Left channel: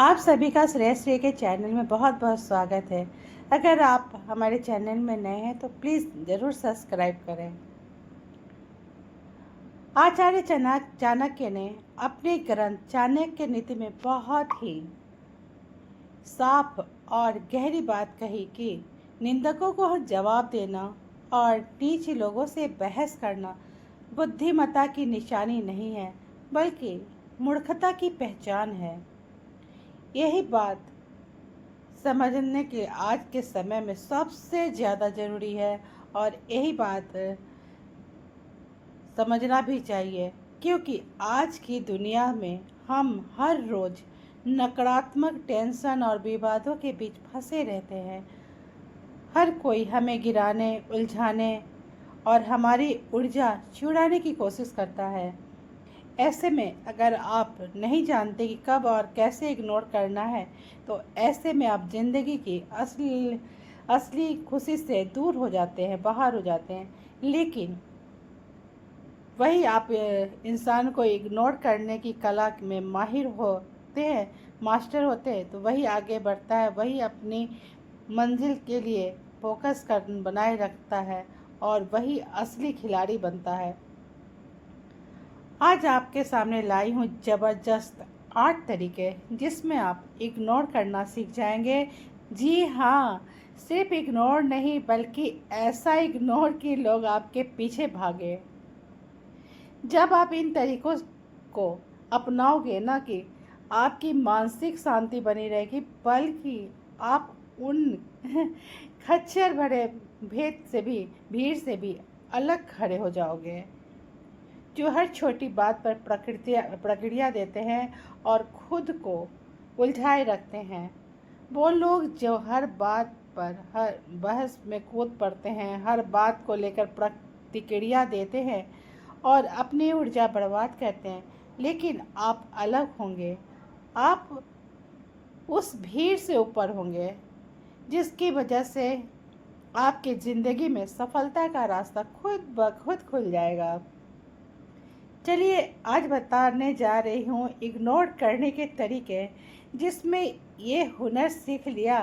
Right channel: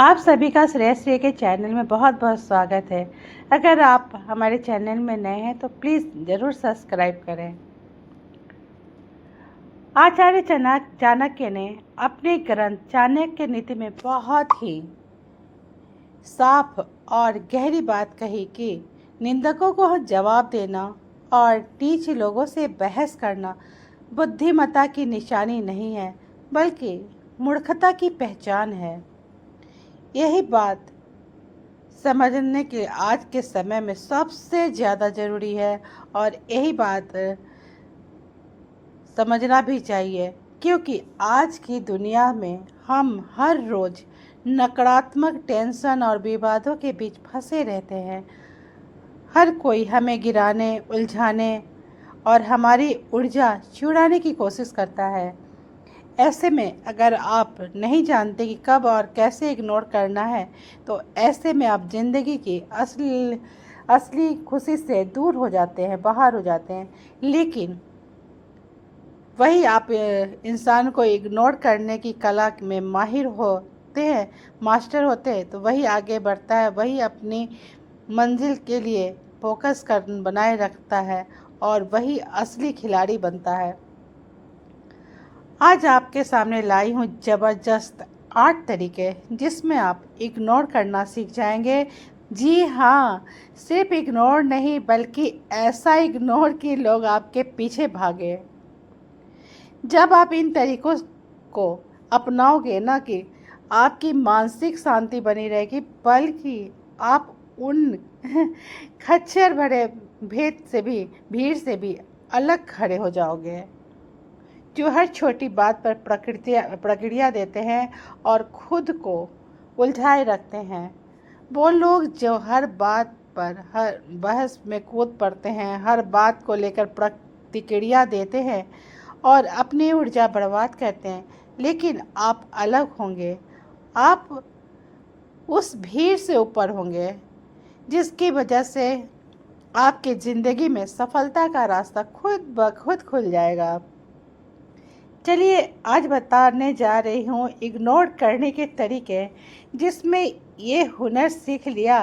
आप सभी का श्रेयश्री के चैनल में बहुत बहुत स्वागत है। अगर आप हमारे चैनल में नए हैं तो प्लीज़ ज़रूर सब्सक्राइब करें। आचार्य चाणक्य ने अपने ग्रंथ चाणक्य नीति में बहुत ही साफ और गहरी बात कही कि निंदकों को जवाब देना और नीच लोगों से बहस करना बुद्धिमत्ता की निशानी नहीं है, बल्कि मूर्खता की पहचान है। यही बात समझने के आज के समय में सबसे ज़्यादा ज़रूरी है और यही बात समझना भी चाहिए, क्योंकि आज की दुनिया में हम हर रोज़ नकारात्मक टेंशन और विवादों के बीच फंसे रहते हैं। हर कोई हमें गिराने, उलझाने और हमारी ऊर्जा चुराने की कोशिश करता है। ऐसे में अगर आप नहीं जानते कि कब और कैसे इग्नोर करना है, तो ऐसे में आप ज़िंदगी की असली खुशी से दूर हो जाते हैं, बाहर हो जाते हैं। लेकिन वही आप इंसान को इग्नोर करने की कला में माहिर होते हैं, मास्टर होते हैं, तो वही आगे बढ़ता है, वही अपनी मंजिल के लिए फोकस बनाए रखता है और वही असली खिलाड़ी बनता है। आज आपके सामने लाई हूँ ज़बरदस्त 8 तरीके जिसमें आप इग्नोर करना सीख जाएंगे। जी हाँ, सिर्फ इग्नोर नहीं, बल्कि ऐसा इग्नोर कि लोग आपके पीछे भागे। जब आप इन तरीकों को अपनाओगे ना कि आपकी मानसिक शांति बनी रहेगी, बल्कि आप उन खच्चर भरे भीड़ से भी अलग खड़े हो जाओगे, जो हर छोटी बात पर प्रक्रिया देते हैं और खुद को उलझाए रखते हैं। वो लोग जो हर बात पर हर बहस में कूद पड़ते हैं, हर बात को लेकर प्रतिक्रिया देते हैं और अपनी ऊर्जा बर्बाद करते हैं। लेकिन आप अलग होंगे, आप उस भीड़ से ऊपर होंगे, जिसकी वजह से आपकी ज़िंदगी में सफलता का रास्ता खुद ब खुद खुल जाएगा। चलिए आज बताने जा रही हूँ इग्नोर करने के तरीके, जिसमें ये हुनर सीख लिया,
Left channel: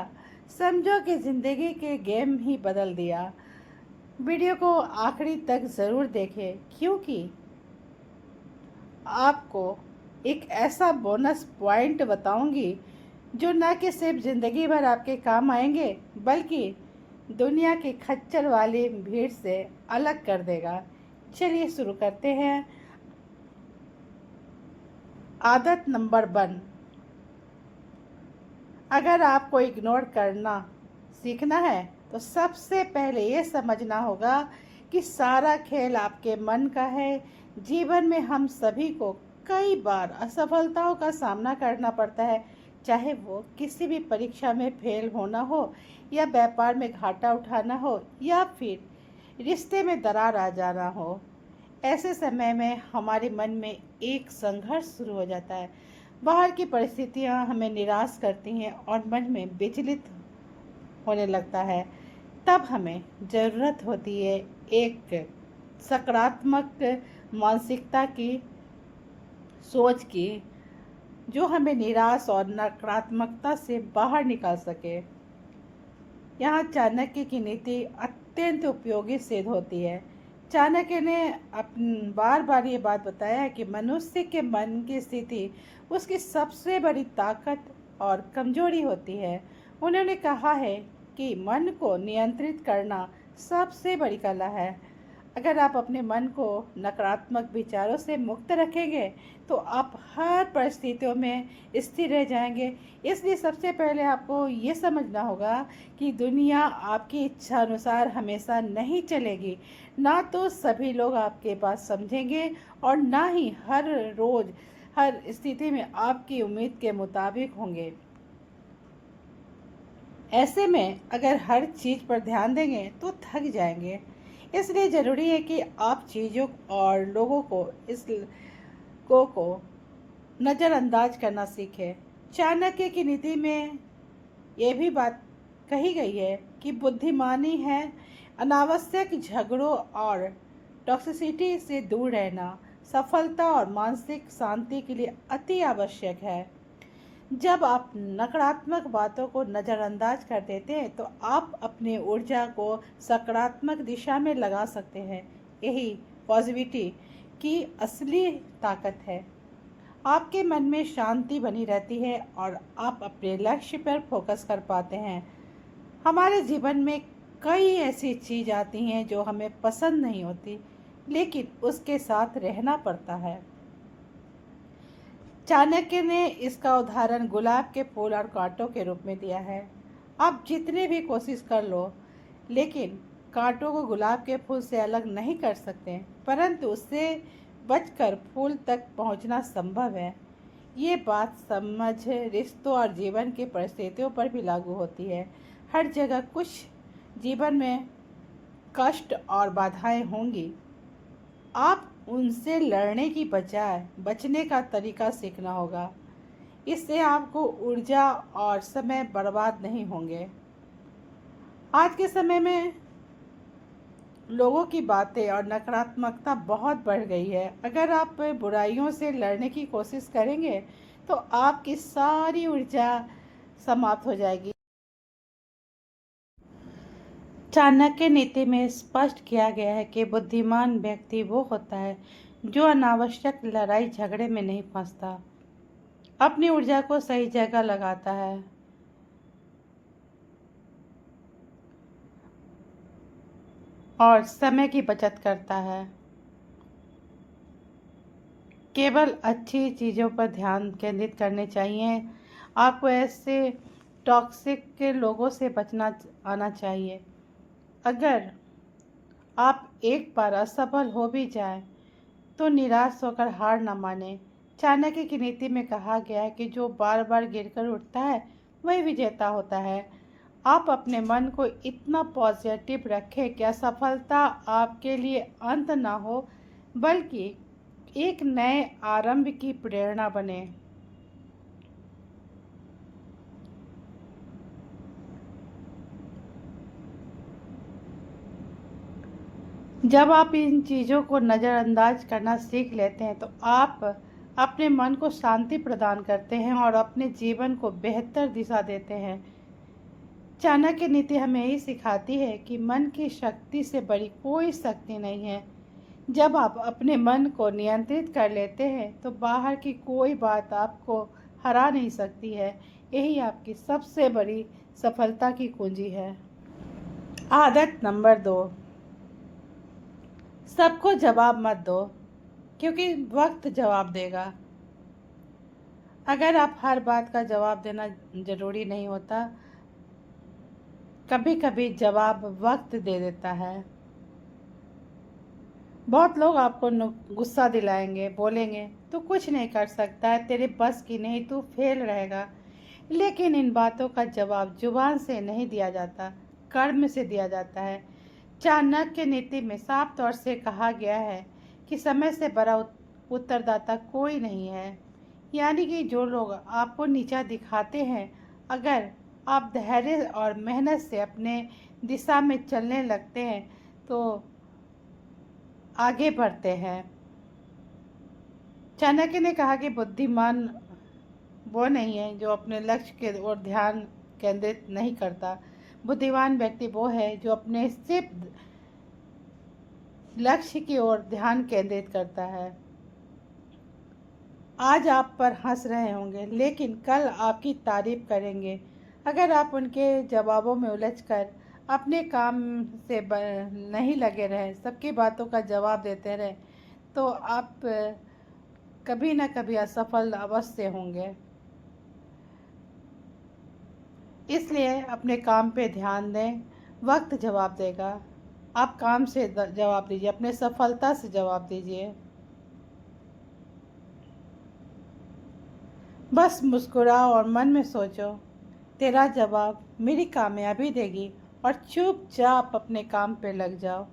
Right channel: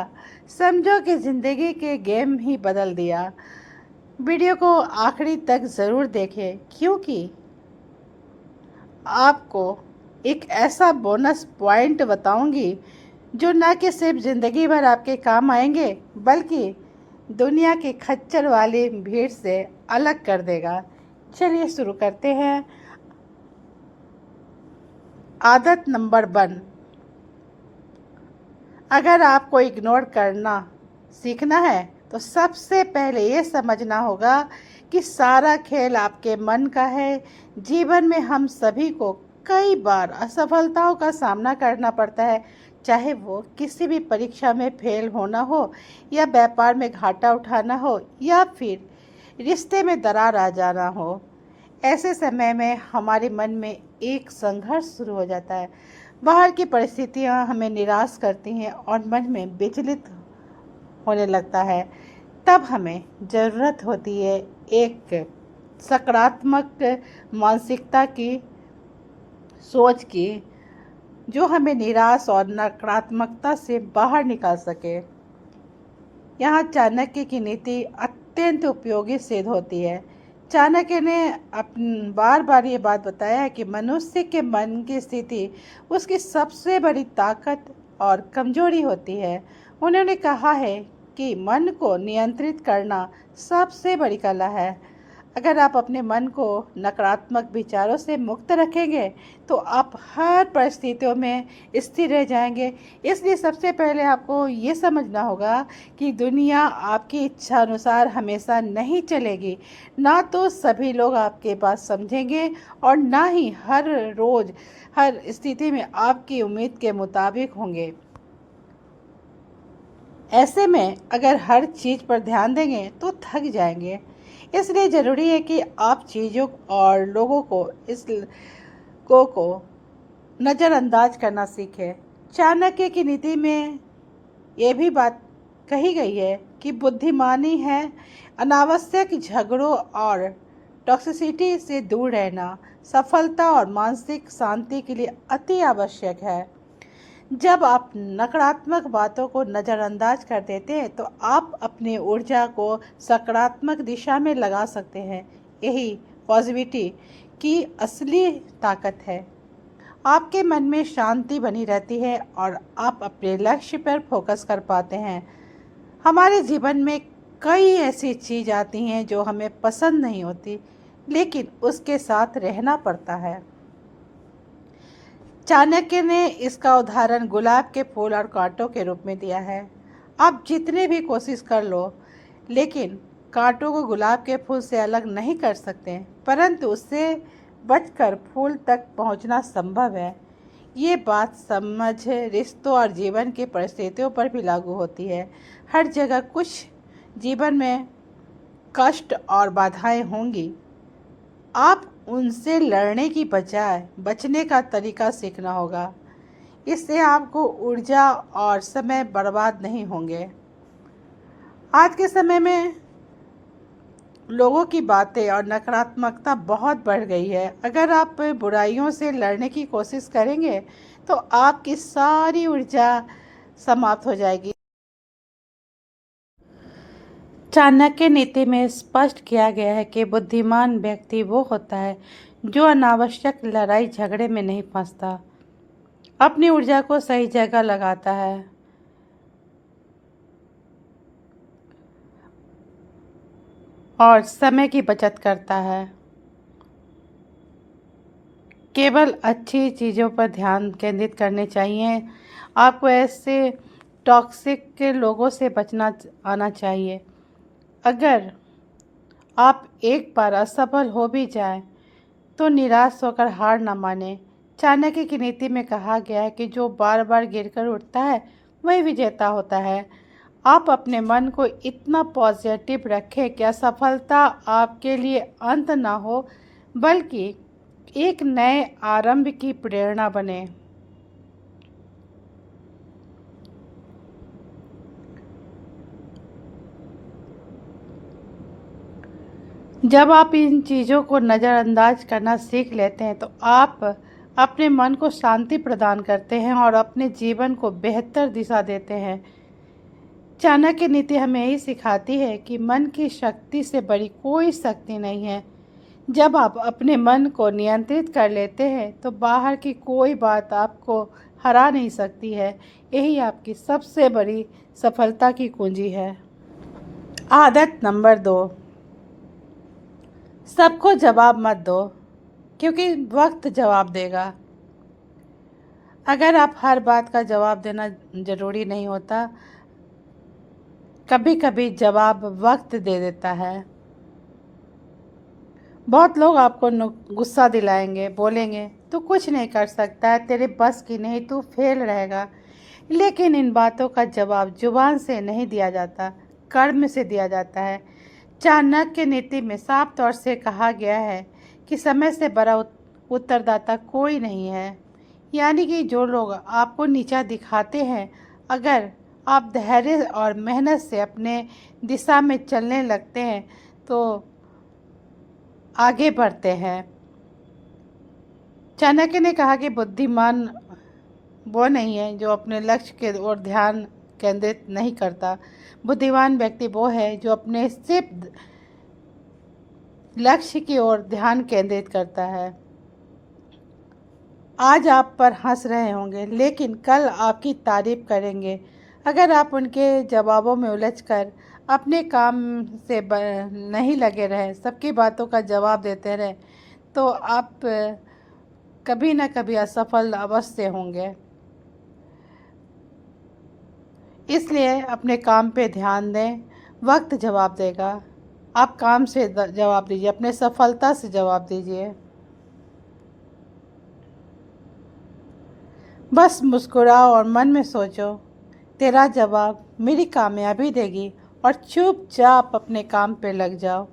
समझो कि ज़िंदगी के गेम ही बदल दिया। वीडियो को आखिरी तक ज़रूर देखें, क्योंकि आपको एक ऐसा बोनस पॉइंट बताऊंगी जो न कि सिर्फ ज़िंदगी भर आपके काम आएंगे, बल्कि दुनिया के खच्चर वाली भीड़ से अलग कर देगा। चलिए शुरू करते हैं। आदत नंबर 1, अगर आपको इग्नोर करना सीखना है तो सबसे पहले ये समझना होगा कि सारा खेल आपके मन का है। जीवन में हम सभी को कई बार असफलताओं का सामना करना पड़ता है, चाहे वो किसी भी परीक्षा में फेल होना हो, या व्यापार में घाटा उठाना हो, या फिर रिश्ते में दरार आ जाना हो। ऐसे समय में हमारे मन में एक संघर्ष शुरू हो जाता है। बाहर की परिस्थितियां हमें निराश करती हैं और मन में विचलित होने लगता है। तब हमें ज़रूरत होती है एक सकारात्मक मानसिकता की, सोच की, जो हमें निराश और नकारात्मकता से बाहर निकाल सके। यहाँ चाणक्य की नीति अत्यंत उपयोगी सिद्ध होती है। चाणक्य ने बार बार ये बात बताया है कि मनुष्य के मन की स्थिति उसकी सबसे बड़ी ताकत और कमजोरी होती है। उन्होंने कहा है कि मन को नियंत्रित करना सबसे बड़ी कला है। अगर आप अपने मन को नकारात्मक विचारों से मुक्त रखेंगे तो आप हर परिस्थितियों में स्थिर रह जाएंगे। इसलिए सबसे पहले आपको ये समझना होगा कि दुनिया आपकी इच्छा अनुसार हमेशा नहीं चलेगी। ना तो सभी लोग आपके बात समझेंगे और ना ही हर रोज़ हर स्थिति में आपकी उम्मीद के मुताबिक होंगे। ऐसे में अगर हर चीज़ पर ध्यान देंगे तो थक जाएंगे। इसलिए ज़रूरी है कि आप चीज़ों और लोगों को नज़रअंदाज करना सीखें। चाणक्य की नीति में ये भी बात कही गई है कि बुद्धिमानी है अनावश्यक झगड़ों और टॉक्सिसिटी से दूर रहना सफलता और मानसिक शांति के लिए अति आवश्यक है। जब आप नकारात्मक बातों को नज़रअंदाज कर देते हैं तो आप अपनी ऊर्जा को सकारात्मक दिशा में लगा सकते हैं। यही पॉजिटिविटी की असली ताकत है। आपके मन में शांति बनी रहती है और आप अपने लक्ष्य पर फोकस कर पाते हैं। हमारे जीवन में कई ऐसी चीज़ आती हैं जो हमें पसंद नहीं होती, लेकिन उसके साथ रहना पड़ता है। चाणक्य ने इसका उदाहरण गुलाब के फूल और कांटों के रूप में दिया है। आप जितने भी कोशिश कर लो, लेकिन कांटों को गुलाब के फूल से अलग नहीं कर सकते, परंतु उससे बचकर फूल तक पहुंचना संभव है। ये बात समझ रिश्तों और जीवन की परिस्थितियों पर भी लागू होती है। हर जगह कुछ जीवन में कष्ट और बाधाएं होंगी। आप उनसे लड़ने की बजाय बचने का तरीका सीखना होगा। इससे आपको ऊर्जा और समय बर्बाद नहीं होंगे। आज के समय में लोगों की बातें और नकारात्मकता बहुत बढ़ गई है। अगर आप बुराइयों से लड़ने की कोशिश करेंगे तो आपकी सारी ऊर्जा समाप्त हो जाएगी। चाणक्य नीति में स्पष्ट किया गया है कि बुद्धिमान व्यक्ति वो होता है जो अनावश्यक लड़ाई झगड़े में नहीं फंसता, अपनी ऊर्जा को सही जगह लगाता है और समय की बचत करता है। केवल अच्छी चीज़ों पर ध्यान केंद्रित करने चाहिए। आपको ऐसे टॉक्सिक के लोगों से बचना आना चाहिए। अगर आप एक बार असफल हो भी जाएं, तो निराश होकर हार न माने। चाणक्य की नीति में कहा गया है कि जो बार बार गिरकर उठता है वही विजेता होता है। आप अपने मन को इतना पॉजिटिव रखें कि असफलता आपके लिए अंत ना हो, बल्कि एक नए आरंभ की प्रेरणा बने। जब आप इन चीज़ों को नज़रअंदाज करना सीख लेते हैं तो आप अपने मन को शांति प्रदान करते हैं और अपने जीवन को बेहतर दिशा देते हैं। चाणक्य नीति हमें यही सिखाती है कि मन की शक्ति से बड़ी कोई शक्ति नहीं है। जब आप अपने मन को नियंत्रित कर लेते हैं तो बाहर की कोई बात आपको हरा नहीं सकती है। यही आपकी सबसे बड़ी सफलता की कुंजी है। आदत नंबर 2, सबको जवाब मत दो, क्योंकि वक्त जवाब देगा। अगर आप हर बात का जवाब देना ज़रूरी नहीं होता, कभी कभी जवाब वक्त दे देता है। बहुत लोग आपको गुस्सा दिलाएंगे, बोलेंगे तू कुछ नहीं कर सकता है, तेरे बस की नहीं, तू फेल रहेगा। लेकिन इन बातों का जवाब जुबान से नहीं दिया जाता, कर्म से दिया जाता है। चाणक्य नीति में साफ तौर से कहा गया है कि समय से बड़ा उत्तरदाता कोई नहीं है। यानी कि जो लोग आपको नीचा दिखाते हैं, अगर आप धैर्य और मेहनत से अपने दिशा में चलने लगते हैं तो आगे बढ़ते हैं। चाणक्य ने कहा कि बुद्धिमान वो नहीं है जो अपने लक्ष्य के ओर ध्यान केंद्रित नहीं करता। बुद्धिमान व्यक्ति वो है जो अपने सिर्फ लक्ष्य की ओर ध्यान केंद्रित करता है। आज आप पर हंस रहे होंगे, लेकिन कल आपकी तारीफ करेंगे। अगर आप उनके जवाबों में उलझकर अपने काम से नहीं लगे रहें, सबकी बातों का जवाब देते रहें, तो आप कभी ना कभी असफल अवश्य होंगे। इसलिए अपने काम पे ध्यान दें, वक्त जवाब देगा। आप काम से जवाब दीजिए, अपने सफलता से जवाब दीजिए। बस मुस्कुराओ और मन में सोचो, तेरा जवाब मेरी कामयाबी देगी, और चुपचाप अपने काम पे लग जाओ।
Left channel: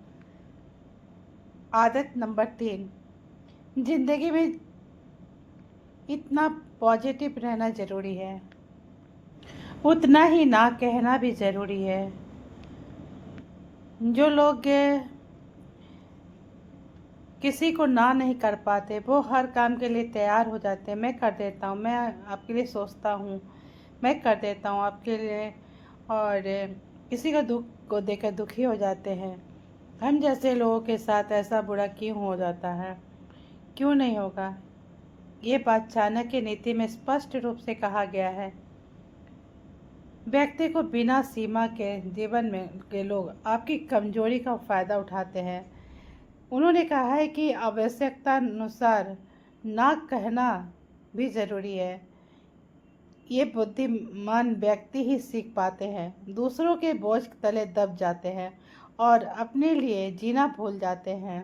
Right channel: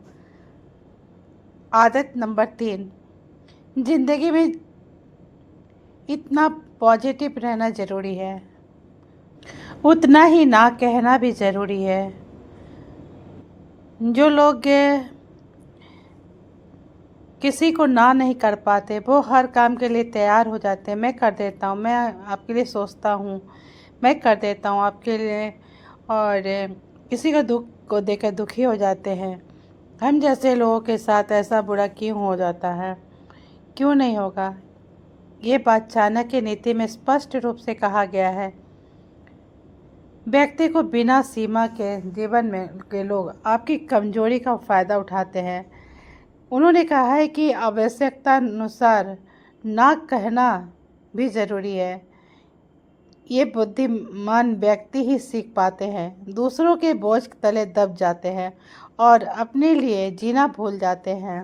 आदत नंबर 3, जिंदगी में इतना पॉजिटिव रहना ज़रूरी है, उतना ही ना कहना भी ज़रूरी है। जो लोग किसी को ना नहीं कर पाते, वो हर काम के लिए तैयार हो जाते हैं। मैं कर देता हूँ, मैं आपके लिए सोचता हूँ, मैं कर देता हूँ आपके लिए। और किसी का दुख को देखकर दुखी हो जाते हैं। हम जैसे लोगों के साथ ऐसा बुरा क्यों हो जाता है? क्यों नहीं होगा? ये बात चाणक्य नीति में स्पष्ट रूप से कहा गया है। व्यक्ति को बिना सीमा के जीवन में के लोग आपकी कमजोरी का फायदा उठाते हैं। उन्होंने कहा है कि आवश्यकता अनुसार ना कहना भी जरूरी है। ये बुद्धिमान व्यक्ति ही सीख पाते हैं, दूसरों के बोझ तले दब जाते हैं और अपने लिए जीना भूल जाते हैं।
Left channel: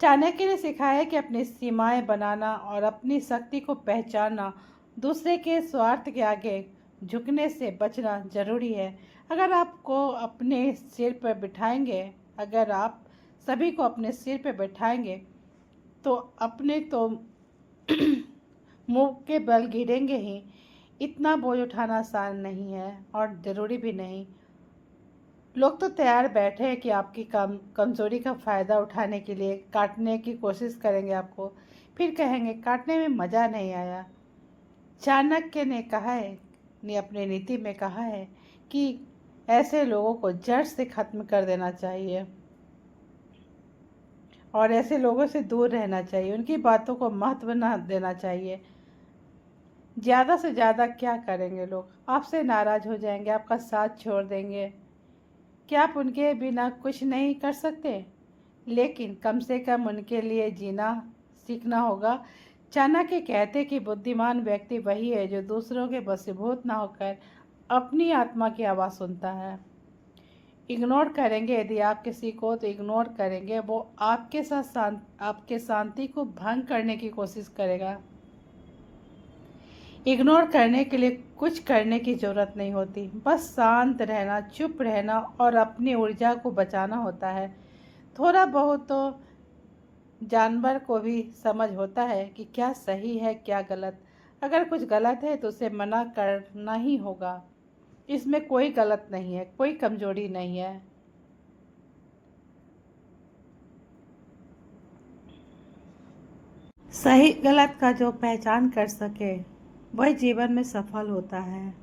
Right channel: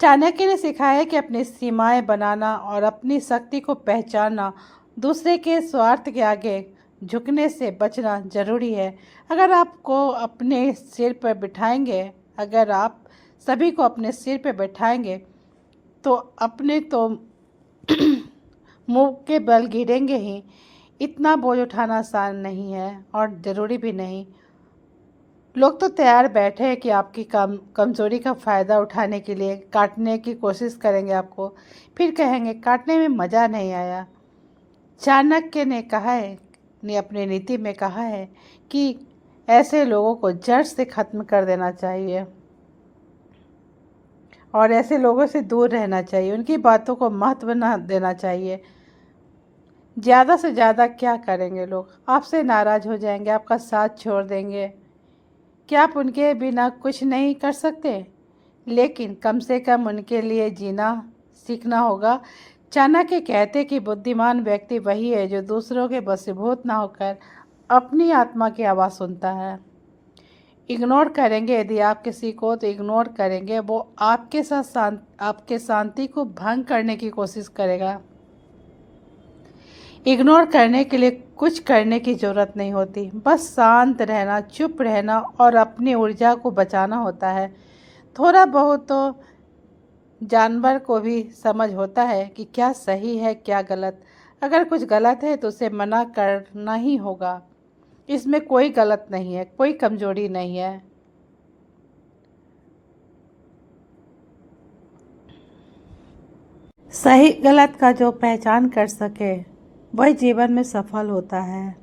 चाणक्य ने सिखाया है कि अपनी सीमाएं बनाना और अपनी शक्ति को पहचानना, दूसरे के स्वार्थ के आगे झुकने से बचना जरूरी है। अगर आपको अपने सिर पर बिठाएंगे अगर आप सभी को अपने सिर पर बैठाएंगे तो अपने तो मुंह के बल गिरेंगे ही। इतना बोझ उठाना आसान नहीं है और ज़रूरी भी नहीं। लोग तो तैयार बैठे हैं कि आपकी कमज़ोरी का फ़ायदा उठाने के लिए काटने की कोशिश करेंगे आपको, फिर कहेंगे काटने में मज़ा नहीं आया। चाणक्य ने कहा है, ने अपनी नीति में कहा है कि ऐसे लोगों को जड़ से ख़त्म कर देना चाहिए और ऐसे लोगों से दूर रहना चाहिए। उनकी बातों को महत्व न देना चाहिए। ज़्यादा से ज़्यादा क्या करेंगे लोग? आपसे नाराज़ हो जाएंगे, आपका साथ छोड़ देंगे। क्या आप उनके बिना कुछ नहीं कर सकते? लेकिन कम से कम उनके लिए जीना सीखना होगा। चाणक्य कहते कि बुद्धिमान व्यक्ति वही है जो दूसरों के वशीभूत ना होकर अपनी आत्मा की आवाज़ सुनता है। इग्नोर करेंगे यदि आप किसी को, तो इग्नोर करेंगे, वो आपके साथ आपके शांति को भंग करने की कोशिश करेगा। इग्नोर करने के लिए कुछ करने की ज़रूरत नहीं होती, बस शांत रहना, चुप रहना और अपनी ऊर्जा को बचाना होता है। थोड़ा बहुत तो जानवर को भी समझ होता है कि क्या सही है क्या गलत। अगर कुछ गलत है तो उसे मना करना ही होगा। इसमें कोई गलत नहीं है, कोई कमजोरी नहीं है। सही गलत का जो पहचान कर सके वही जीवन में सफल होता है।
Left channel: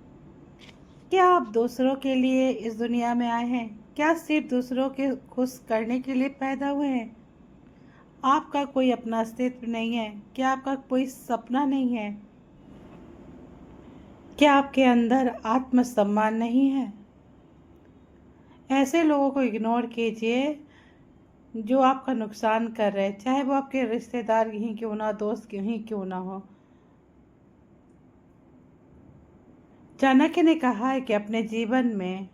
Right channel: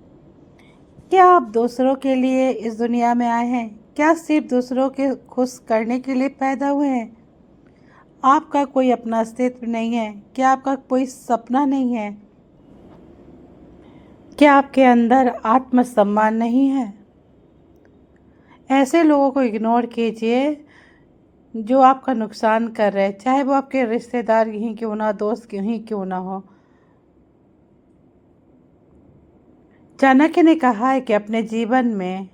क्या आप दूसरों के लिए इस दुनिया में आए हैं? क्या सिर्फ दूसरों के खुश करने के लिए पैदा हुए हैं? आपका कोई अपना अस्तित्व नहीं है? क्या आपका कोई सपना नहीं है? क्या आपके अंदर आत्मसम्मान नहीं है? ऐसे लोगों को इग्नोर कीजिए जो आपका नुकसान कर रहे हैं, चाहे वो आपके रिश्तेदार ही क्यों ना, दोस्त ही क्यों ना हो। चाणक्य ने कहा है कि अपने जीवन में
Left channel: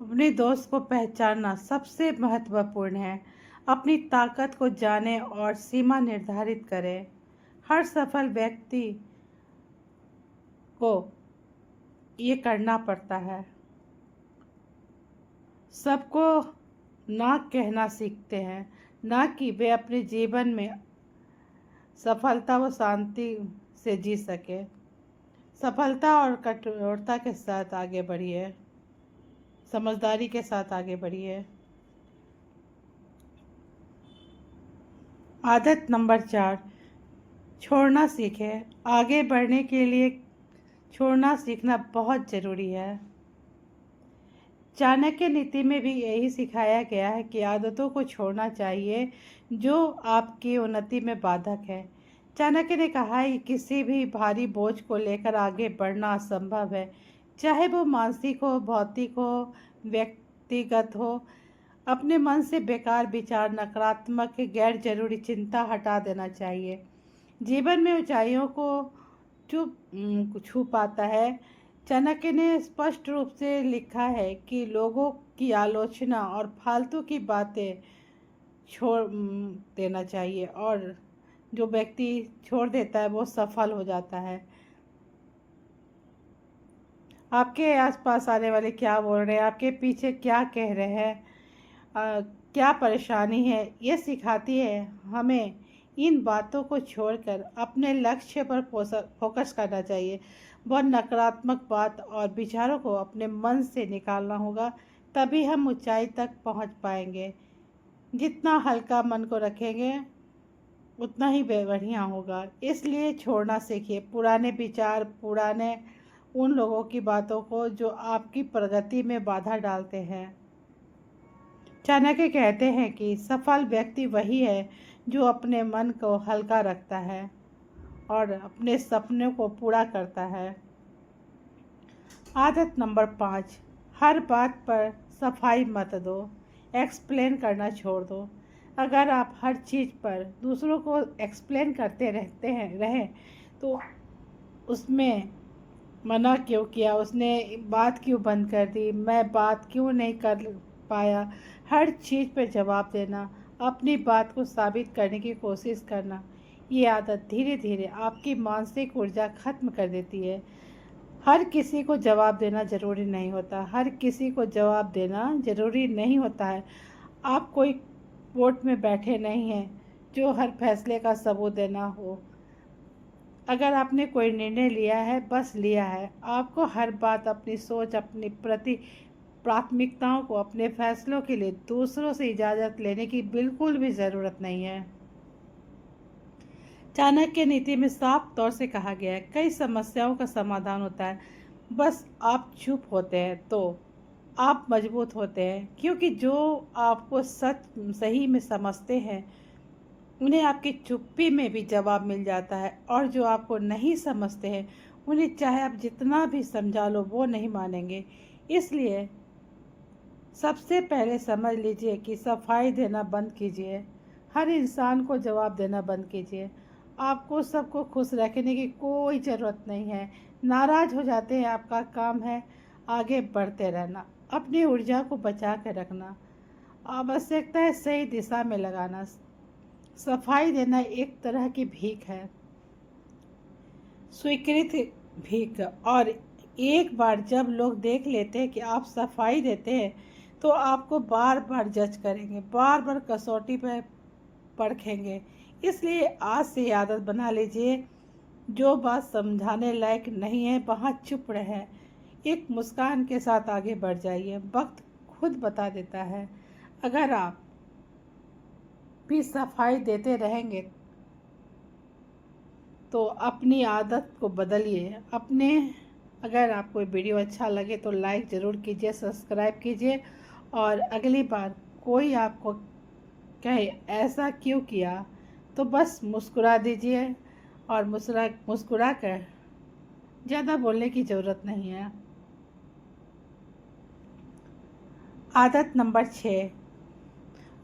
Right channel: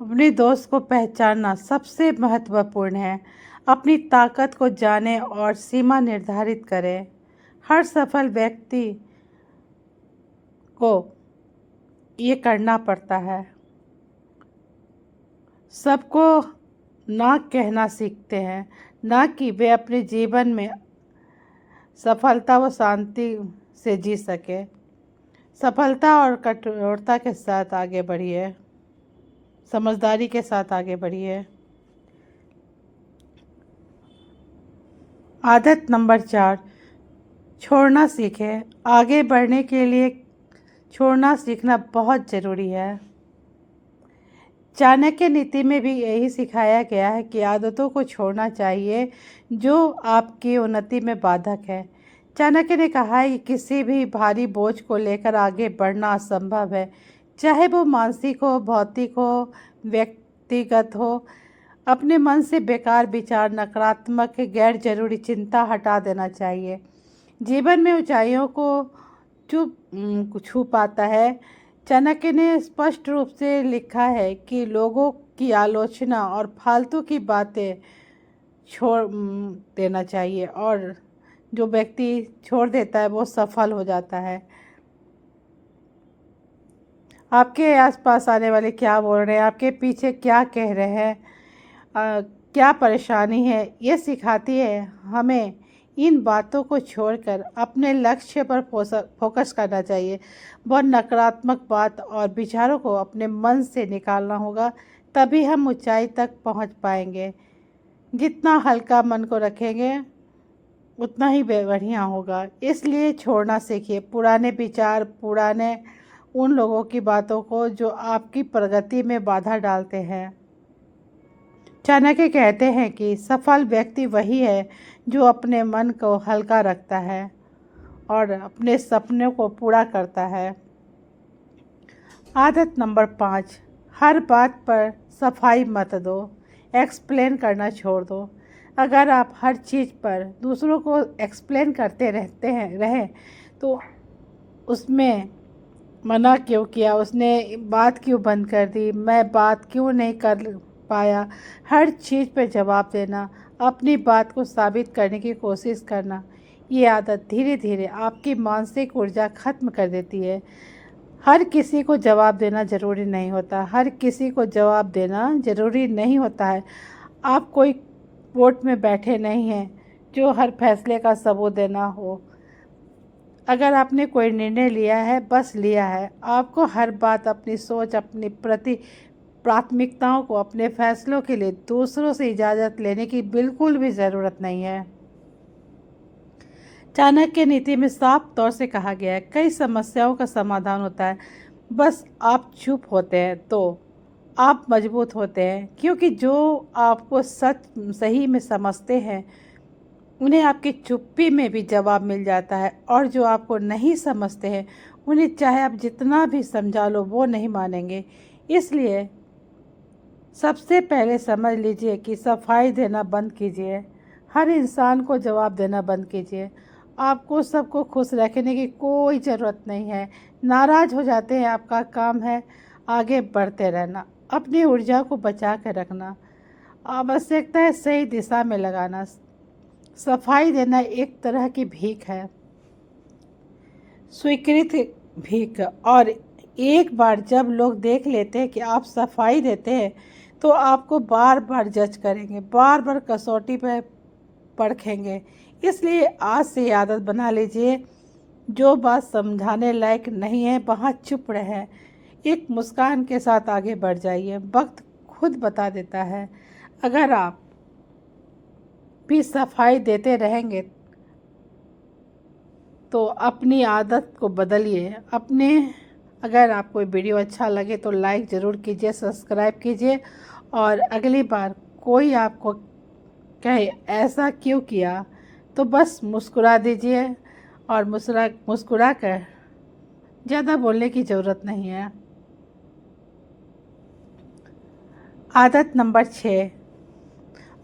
अपने दोस्त को पहचानना सबसे महत्वपूर्ण है। अपनी ताकत को जानें और सीमा निर्धारित करें। हर सफल व्यक्ति को ये करना पड़ता है। सबको ना कहना सीखते हैं, ना कि वे अपने जीवन में सफलता व शांति से जी सके। सफलता और कठोरता के साथ आगे बढ़िए, समझदारी के साथ आगे बढ़िए। आदत नंबर 4, छोड़ना सीखें। आगे बढ़ने के लिए छोड़ना सीखना बहुत ज़रूरी है। चाणक्य नीति में भी यही सिखाया गया है कि आदतों को छोड़ना चाहिए जो आपकी उन्नति में बाधक है। चाणक्य ने कहा है कि किसी भी भारी बोझ को लेकर आगे बढ़ना असंभव है, चाहे वो मानसिक हो, भौतिक हो, व्यक्तिगत हो। अपने मन से बेकार विचार, नकारात्मक, गैर जरूरी चिंता हटा देना चाहिए। जीवन में ऊंचाइयों को छू पाता है। चाणक्य ने स्पष्ट रूप से लिखा है कि लोगों की आलोचना और फालतू की बातें छोड़ देना चाहिए और जो व्यक्ति छोड़ देता है वो सफल हो जाता है। आपके आसपास आने वाले क्या बोल रहे हैं, आपके पीछे क्या कह रहे हैं, क्या परेशानी है, ये सिखाती है हमें इन बातों को छोड़कर अपने लक्ष्य पर फोकस करना चाहिए। वह नकारात्मक बात और विचारों को अपने मन से निकालना होगा, तभी हम ऊंचाई तक पहुंच पाएंगे। जितना हल्का मन को रखेंगे उतना ही बढ़िया होगा। इसलिए छोड़ना सीखिए पुराने विचार, पुराने उन लोगों की बातों को जो आपकी प्रगति में बाधा डालते हैं। चाणक्य कहते हैं कि सफल व्यक्ति वही है जो अपने मन को हल्का रखता है और अपने सपनों को पूरा करता है। आदत नंबर 5, हर बात पर सफाई मत दो, एक्सप्लेन करना छोड़ दो। अगर आप हर चीज़ पर दूसरों को एक्सप्लेन करते रहें तो उसमें मना क्यों किया, उसने बात क्यों बंद कर दी, मैं बात क्यों नहीं कर पाया, हर चीज़ पे जवाब देना, अपनी बात को साबित करने की कोशिश करना, ये आदत धीरे धीरे आपकी मानसिक ऊर्जा खत्म कर देती है। हर किसी को जवाब देना ज़रूरी नहीं होता, हर किसी को जवाब देना ज़रूरी नहीं होता है। आप कोई कोर्ट में बैठे नहीं हैं जो हर फैसले का सबूत देना हो। अगर आपने कोई निर्णय लिया है, बस लिया है। आपको हर बात, अपनी सोच, अपनी प्राथमिकताओं को, अपने फैसलों के लिए दूसरों से इजाज़त लेने की बिल्कुल भी ज़रूरत नहीं है। चाणक्य नीति में साफ तौर से कहा गया है, कई समस्याओं का समाधान होता है, बस आप चुप होते हैं तो आप मजबूत होते हैं। क्योंकि जो आपको सच सही में समझते हैं उन्हें आपकी चुप्पी में भी जवाब मिल जाता है, और जो आपको नहीं समझते हैं उन्हें चाहे आप जितना भी समझा लो वो नहीं मानेंगे। इसलिए सबसे पहले समझ लीजिए कि सफाई देना बंद कीजिए, हर इंसान को जवाब देना बंद कीजिए। आपको सबको खुश रखने की कोई ज़रूरत नहीं है। नाराज़ हो जाते हैं, आपका काम है आगे बढ़ते रहना, अपनी ऊर्जा को बचा कर रखना, आवश्यकता है सही दिशा में लगाना। सफाई देना एक तरह की भीख है, स्वीकृत भीख। और एक बार जब लोग देख लेते हैं कि आप सफाई देते हैं तो आपको बार बार जज करेंगे, बार बार कसौटी पर परखेंगे। इसलिए आज से आदत बना लीजिए, जो बात समझाने लायक नहीं है वहाँ चुप रहें, एक मुस्कान के साथ आगे बढ़ जाइए। वक्त खुद बता देता है। अगर आप भी सफाई देते रहेंगे तो अपनी आदत को बदलिए। अगर आपको वीडियो अच्छा लगे तो लाइक ज़रूर कीजिए, सब्सक्राइब कीजिए, और अगली बार कोई आपको कहे ऐसा क्यों किया तो बस मुस्कुरा दीजिए, और मुस्कुरा कर ज़्यादा बोलने की ज़रूरत नहीं है। आदत नंबर 6,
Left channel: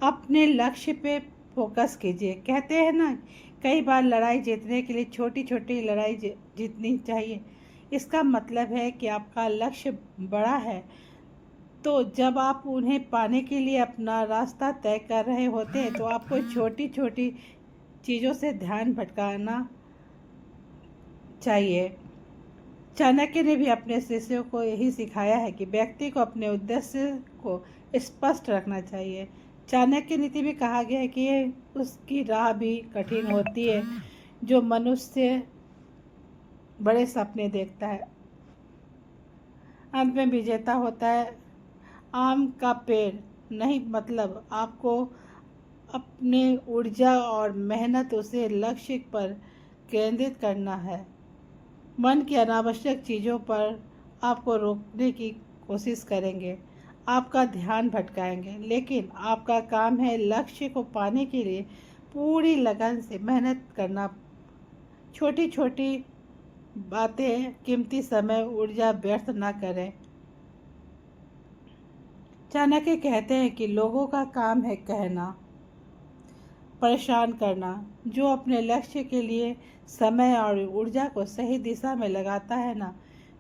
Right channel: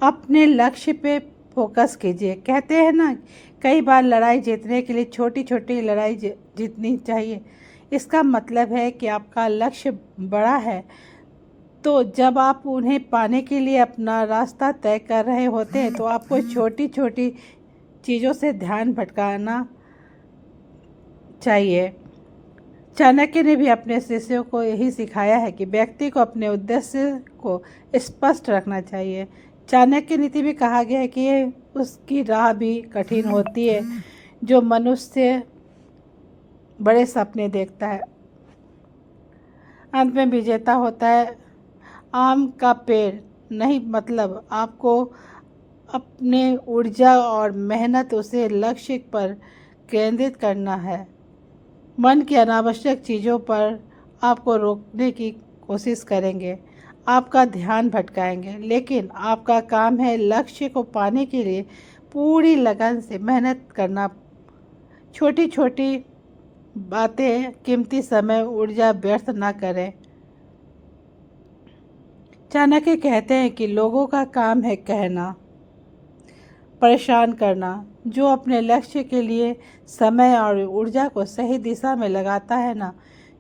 अपने लक्ष्य पे फोकस कीजिए। कहते हैं ना, कई बार लड़ाई जीतने के लिए छोटी छोटी लड़ाई जीतनी चाहिए। इसका मतलब है कि आपका लक्ष्य बड़ा है, तो जब आप उन्हें पाने के लिए अपना रास्ता तय कर रहे होते हैं तो आपको छोटी छोटी चीज़ों से ध्यान भटकाना चाहिए। चाणक्य ने भी अपने शिष्यों को यही सिखाया है कि व्यक्ति को अपने उद्देश्य को स्पष्ट रखना चाहिए। चाणक्य नीति में कहा गया है कि उसकी राह भी कठिन होती है जो मनुष्य बड़े सपने देखता है, अंत में विजेता होता है। आम का पेड़ नहीं, मतलब आपको अपने ऊर्जा और मेहनत उसे लक्ष्य पर केंद्रित करना है। मन की अनावश्यक चीज़ों पर आपको रोकने की कोशिश करेंगे, आपका ध्यान भटकाएंगे, लेकिन आपका काम है लक्ष्य को पाने के लिए पूरी लगन से मेहनत करना। छोटी छोटी बातें कीमती समय ऊर्जा व्यर्थ ना करें। चाणक्य कहते हैं कि लोगों का काम है कहना, परेशान करना। जो अपने लक्ष्य के लिए समय और ऊर्जा को सही दिशा में लगाता है ना,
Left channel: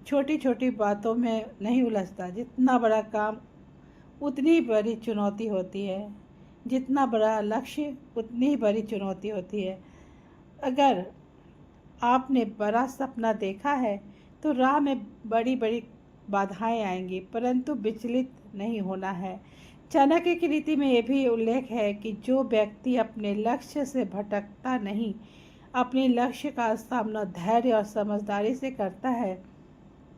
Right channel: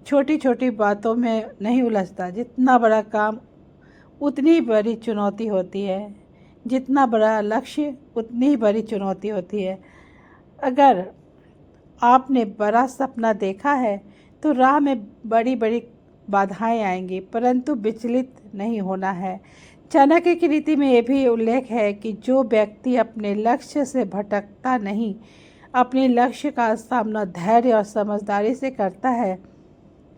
छोटी छोटी बातों में नहीं उलझता। जितना बड़ा काम उतनी बड़ी चुनौती होती है, जितना बड़ा लक्ष्य उतनी ही बड़ी चुनौती होती है। अगर आपने बड़ा सपना देखा है तो राह में बड़ी बड़ी बाधाएं आएंगी, परंतु विचलित नहीं होना है। चाणक्य की रीति में यह भी उल्लेख है कि जो व्यक्ति अपने लक्ष्य से भटकता नहीं, अपने लक्ष्य का सामना धैर्य और समझदारी से करता है,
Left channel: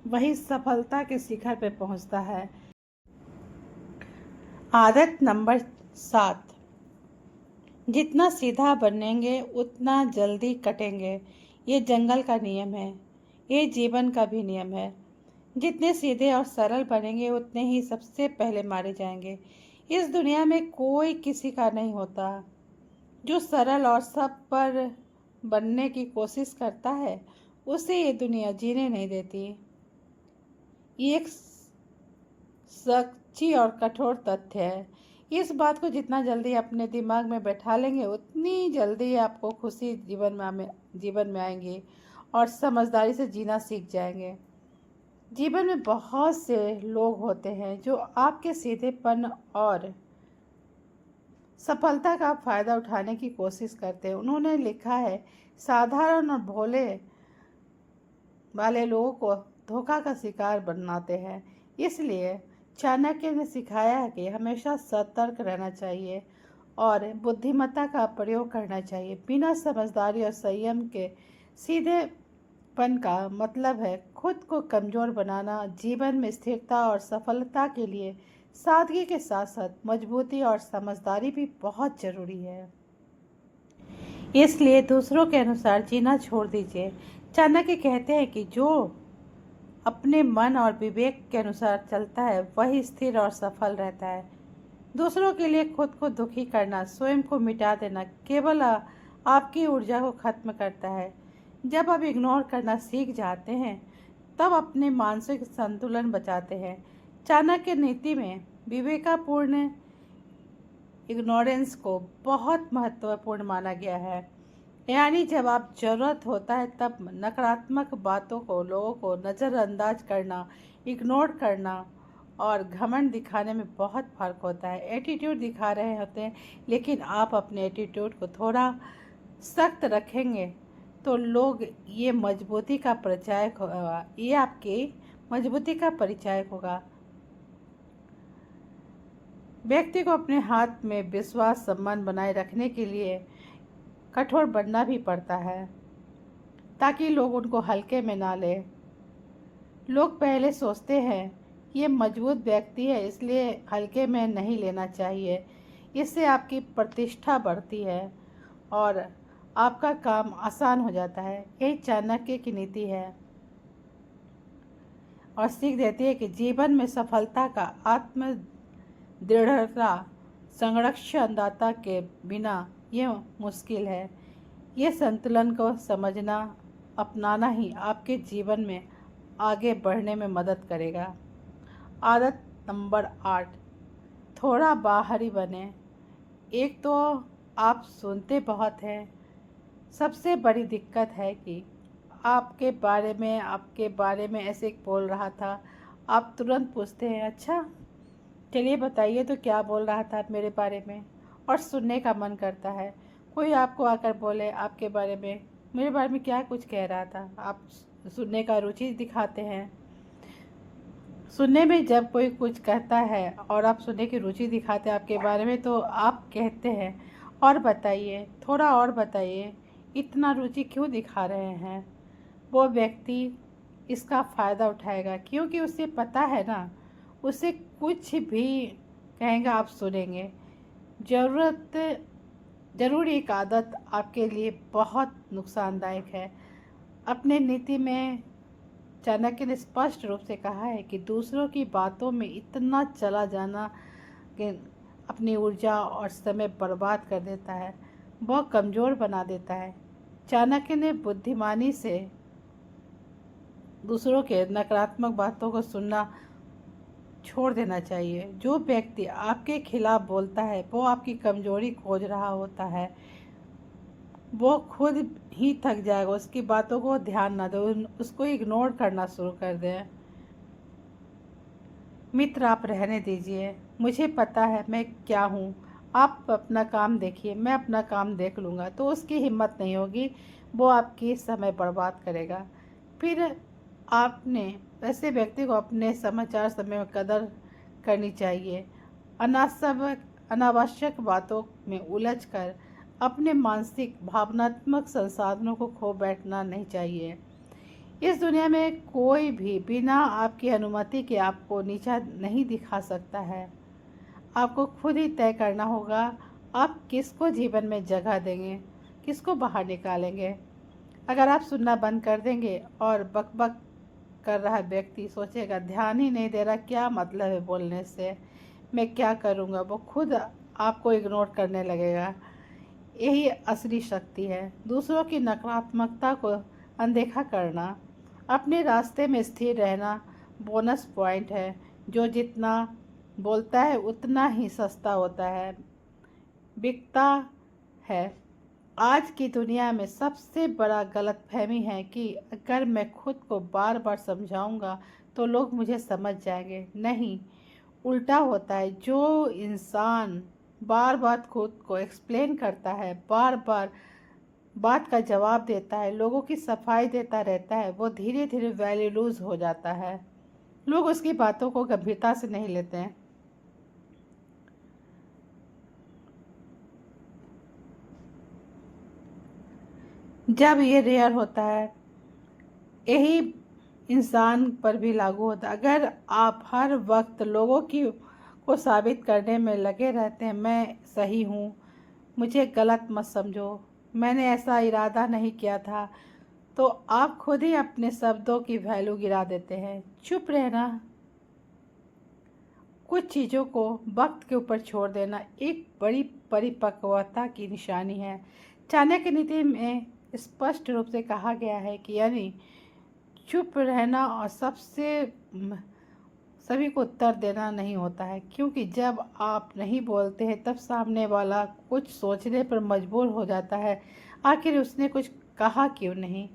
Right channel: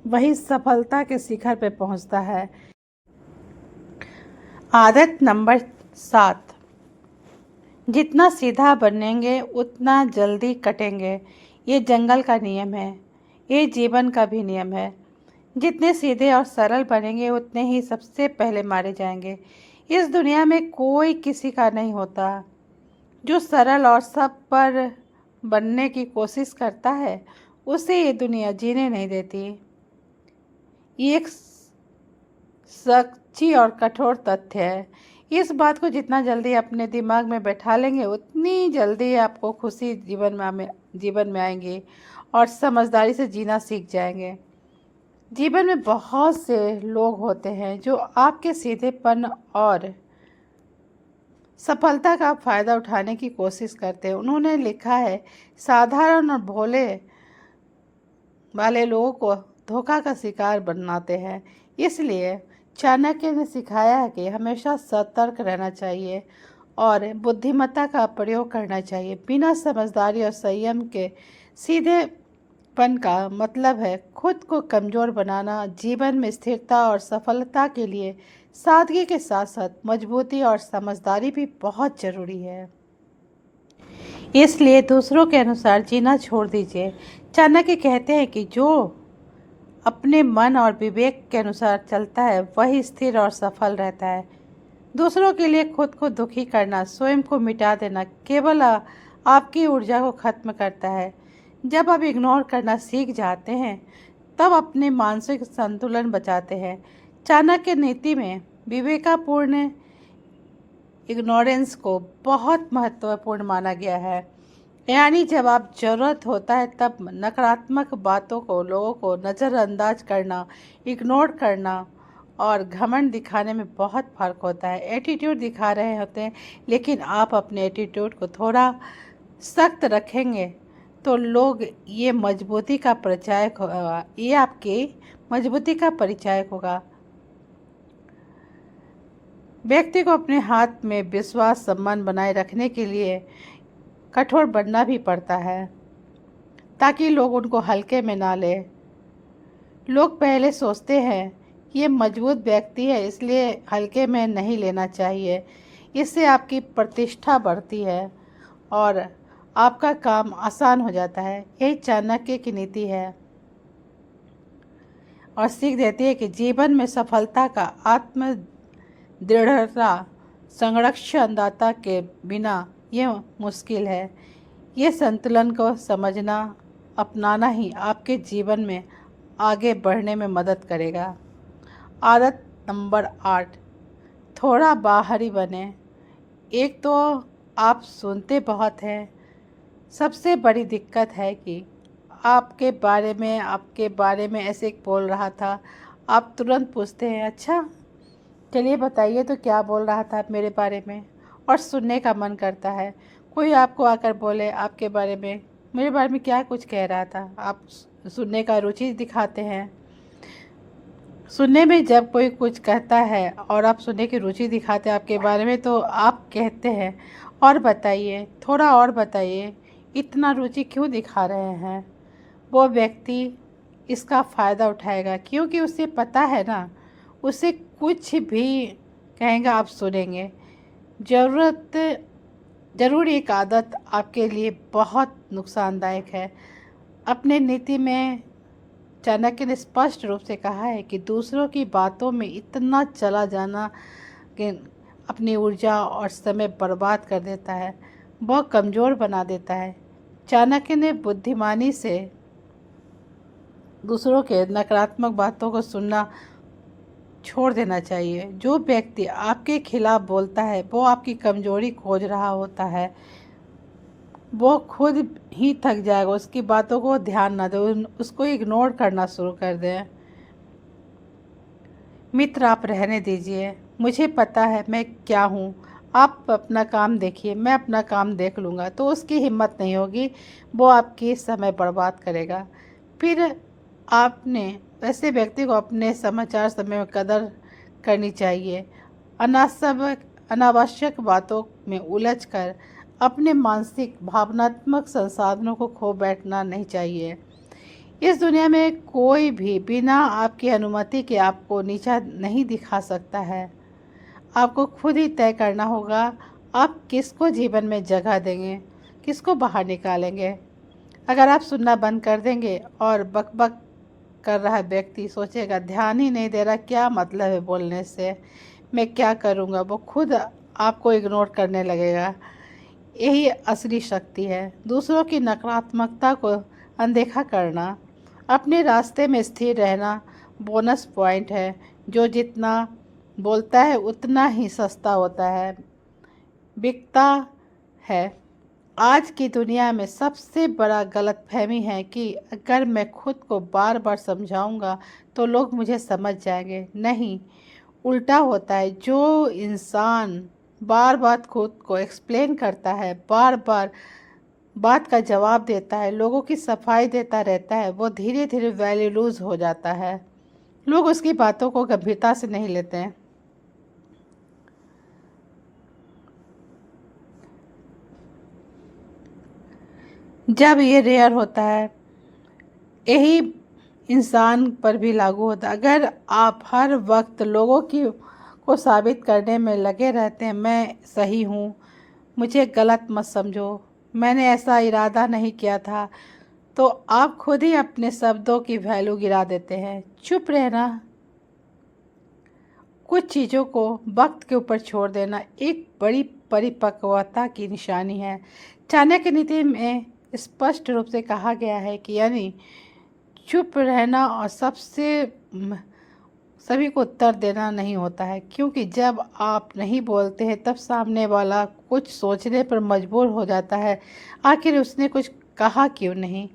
वही सफलता के शिखर पर पहुंचता है। आदत नंबर 7, जितना सीधा बनेंगे उतना जल्दी कटेंगे। ये जंगल का नियम है, ये जीवन का भी नियम है। जितने सीधे और सरल बनेंगे उतने ही सबसे पहले मारे जाएंगे। इस दुनिया में कोई किसी का नहीं होता। जो सरल और सब पर बनने की कोशिश करता है उसे ये दुनिया जीने नहीं देती। ये एक सच्ची और कठोर तथ्य है। इस बात को जितना जल्दी अपने दिमाग में बैठा लेंगे उतनी जल्दी आपको खुशी जीवन में आएंगी और समझदारी से जीना सीख जाएंगे। जीवन में बहुत से लोग होते हैं जो आपके सीधेपन और सफलता का फ़ायदा उठाने की कोशिश करते हैं। उन्होंने लिखा है, साधारण और भोले वाले लोगों को धोखा का शिकार बनाते हैं। इसलिए चाणक्य ने सिखाया है कि हमेशा सतर्क रहना चाहिए और बुद्धिमत्ता का प्रयोग करना चाहिए। बिना समझदारी और संयम के सीधेपन का मतलब है खुद को कमज़ोर बनाना। जीवन में स्थिरता और सफलता के लिए सादगी के साथ साथ मजबूती और समझदारी भी बहुत ज़रूरी है। इसलिए दूसरों के अनुसार जीना छोड़ दीजिए। चाणक्य कहते हैं कि जो अपने मन और विवेक के अनुसार चलता है वही स्थिर और सफल रहता है। दूसरों के लिए खुद को दुखी करना, स्वयं को मिटा देना केवल आपकी ऊर्जा को खत्म करता है। जब आप इग्नोर करना सीख जाते हैं तब अपने मानसिक संतुलन बचाते हैं। चाणक्य नीति में विवेकपूर्ण इग्नोरेंस को बहुत महत्वपूर्ण माना गया है। यानी जब आप ज़रूरत होता है तब नकारात्मक बातों को, लोगों को नज़रअंदाज करना, इग्नोर करना और घमंड दिखाने में बहुत फ़र्क होता है। एटीट्यूड दिखा रहे होते हैं लेकिन आप अपने एटीट्यूड को थोड़ा सख्त रखेंगे तो लोग ये मजबूती का परिचायक होगा, ये आपकी मजबूती का परिचायक होगा। व्यक्ति को अपने हाथ में विश्वास सम्मान बनाए रखने के लिए कठोर बनना भी पड़ता है ताकि लोग उनको हल्के में ना ले। लोग पहले सोचते हैं ये मजबूत व्यक्ति है इसलिए हल्के में नहीं लेना चाहिए। इससे आपकी प्रतिष्ठा बढ़ती है और आपका काम आसान हो जाता है। यही चाणक्य की नीति है और सीख देती है कि जीवन में सफलता का आत्म दृढ़ता संरक्षणदाता के बिना ये मुश्किल है। ये संतुलन को समझना, अपनाना ही आपके जीवन में आगे बढ़ने में मदद करेगा। आदत नंबर 8, थोड़ा बाहरी बने। एक तो आप सुनते बहुत हैं। सबसे बड़ी दिक्कत है कि आपके बारे में ऐसे बोल रहा था, आप तुरंत पूछते हैं, अच्छा चलिए बताइए तो क्या बोल रहा था मेरे बारे में, और सुनने का मन करता है। कोई आपको आकर बोले आपके बारे में, मेरे बारे में क्या कुछ कह रहा था, आप सुनने का रुचि दिखाते हैं। सुनने में जब कोई कुछ कहता है और आप सुनने की रुचि दिखाते हैं आपके बारे में तो आप कहते हैं और बताइए, थोड़ा और बताइए, इतना रुचि क्यों दिखा रहे हैं। वो व्यक्ति इसका फ़ायदा उठाएगा क्योंकि उसे पता है ना, उसे कुछ भी कहेंगे आप सुनेंगे। ज़रूर एक आदत आपके लिए बहुत नुकसानदायक है। अपने नीति में चाणक्य ने स्पष्ट रूप से कहा है कि दूसरों की बातों में इतना चला जाना कि अपनी ऊर्जा और समय बर्बाद कर देता है, वह कमज़ोर बना देता है। चाणक्य ने बुद्धिमानी से दूसरों के नकारात्मक बातों को सुनना छोड़ देना चाहिए। जो व्यक्ति आपके खिलाफ बोलता है वो आपकी कमजोरी खोज रहा होता है। वो खुद ही थक जाएगा, उसकी बातों को ध्यान न दें, उसको इग्नोर करना शुरू कर दें। मित्र आप रहने दीजिए, मुझे पता है मैं क्या हूँ, आप अपना काम देखिए, मैं अपना काम देख लूँगा। तो उसकी हिम्मत नहीं होगी, वो आपकी समय बर्बाद करेगा। फिर आपने ऐसे व्यक्ति को अपने समाचार समय में कदर करनी चाहिए। अनावश्यक बातों में उलझकर अपने मानसिक भावनात्मक संसाधनों को खो बैठना नहीं चाहिए। इस दुनिया में कोई भी बिना आपकी अनुमति के आपको नीचा नहीं दिखा सकता है। आपको खुद ही तय करना होगा आप किसको जीवन में जगह देंगे, किसको बाहर निकालेंगे? अगर आप सुनना बंद कर देंगे और बकबक कर रहा व्यक्ति सोचेगा ध्यान ही नहीं दे रहा, क्या मतलब है बोलने से, मैं क्या करूँगा, वो खुद आपको इग्नोर करने लगेगा। यही असली शक्ति है, दूसरों की नकारात्मकता को अनदेखा करना, अपने रास्ते में स्थिर रहना बोनस पॉइंट है। जो जितना बोलता है उतना ही सस्ता होता है, बिकता है। आज की दुनिया में सबसे बड़ा गलतफहमी है कि अगर मैं खुद को बार बार समझाऊंगा तो लोग मुझे समझ जाएंगे। नहीं, उल्टा होता है। जो इंसान बार बार खुद को एक्सप्लेन करता है, बार बार बात का जवाब देता है, लोगों की सफाई देता रहता है, वो धीरे धीरे वैल्यू लूज हो जाता है। लोग उसकी बातों को गंभीरता से नहीं लेते हैं। जब ये रेयर होता है, यही इंसान पर भी लागू होता है। अगर आप हर वक्त लोगों की को साबित करने में लगे रहते हैं, मैं सही हूँ, मुझे गलत मत समझो, मैंने ऐसा इरादा नहीं किया था, तो आप खुद ही अपने शब्दों की वैल्यू गिरा देते हैं। चुप रहना, कुछ चीज़ों को वक्त के ऊपर छोड़ देना एक बड़ी परिपक्वता की निशानी है। चाणक्य नीति में स्पष्ट रूप से कहा गया है कि यानी चुप रहना और सभी को उत्तर देना नहीं होता है, क्योंकि जब आप नहीं बोलते हैं तब सामने वाला कुछ सोचने पर मजबूर हो जाता है, आखिर उसने कुछ कहा क्यों नहीं।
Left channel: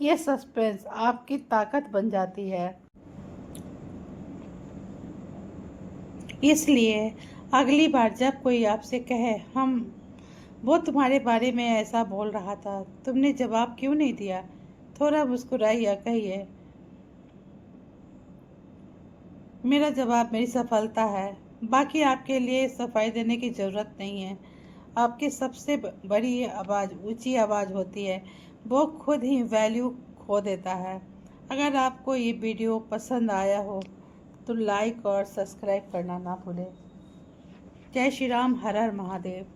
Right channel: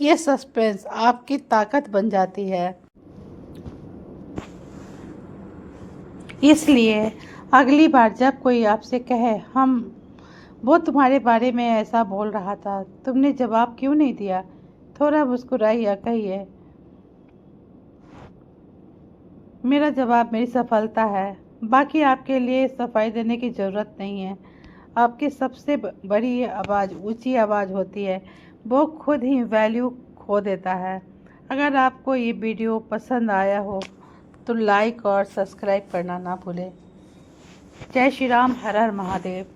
ये सस्पेंस आपकी ताकत बन जाती है। इसलिए अगली बार जब कोई आपसे कहे हम वो तुम्हारे बारे में ऐसा बोल रहा था, तुमने जवाब क्यों नहीं दिया, थोड़ा मुस्कुराइए, कहिए मेरा जवाब मेरी सफलता है, बाकी आपके लिए सफाई देने की ज़रूरत नहीं है। आपकी सबसे बड़ी आवाज़ ऊंची आवाज़ होती है, वो खुद ही वैल्यू खो देता है। अगर आपको ये वीडियो पसंद आया हो तो लाइक और सब्सक्राइब करना ना भूलें। जय श्री राम, हर हर महादेव।